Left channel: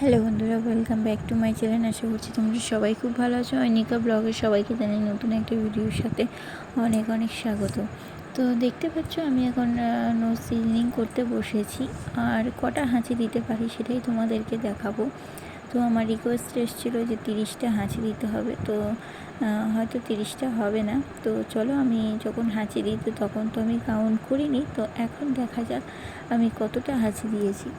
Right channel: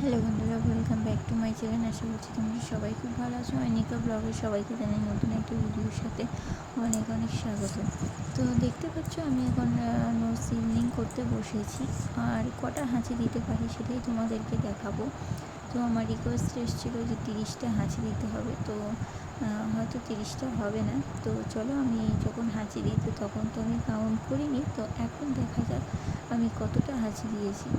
হ্যালো বন্ধুরা, welcome back to my channel. আশা করছি তোমরা সবাই খুব ভালো আছো। অনিকা ব্লগের সবাইকে জানাই নতুন একটা ভিডিওর সাথে অনেক অনেক স্বাগত। তো দেখতে পাচ্ছ আমি এখন নো সিলিং করতে বসেছি, আর কটা হাঁচি দিতে পারি সেটাই তোমাদেরকে দেখাবো। তো আমার রিকোয়েস্ট এসেছিলো যে 30টা হাঁচি দিতে হবে, তো হয়তো 30টা হবে না। তো চলো, আমি যখন হাঁচি দিই তো তখন তো আমি কাউন্ট করিনি, তো এখন দেখা যাক আমি কতটা হাঁচি দিয়েছি।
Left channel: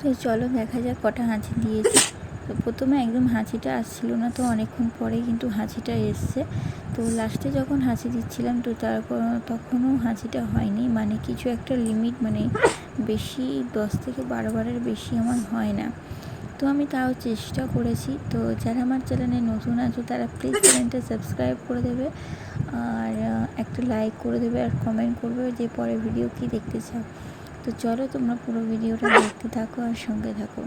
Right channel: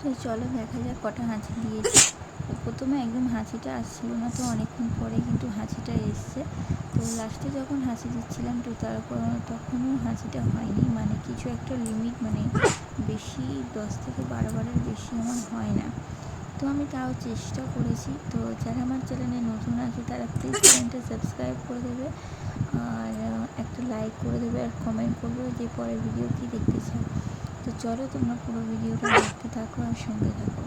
তো চলো দেখা যাক কটা হাঁচি দিয়েছি। তো প্রথমে একদম হাঁচিটা আসছিল না, তো অনেকক্ষণ পরে কিন্তু হাঁচিটা এসছে। তো লাস্টে যখন হাঁচি দিচ্ছিলাম তো তখনও হাঁচিটা হয়নি, মানে কিছু একটা লিমিট, মানে বেশি 10 থেকে 12 বারের বেশি আমার হয় না। তো আমি তাও চেষ্টা করেছি। তো যারা আমার চ্যানেলে নতুন আছো তারা প্লিজ চ্যানেলটা সাবস্ক্রাইব করে দেবে, আর একটা লাইক করে দেবে, আর কমেন্ট করবে যে পরের ভিডিও কী দেখতে চাও। তো চলো তোমরা পুরো ভিডিওটা দেখতে থাকো আর সঙ্গে থাকো।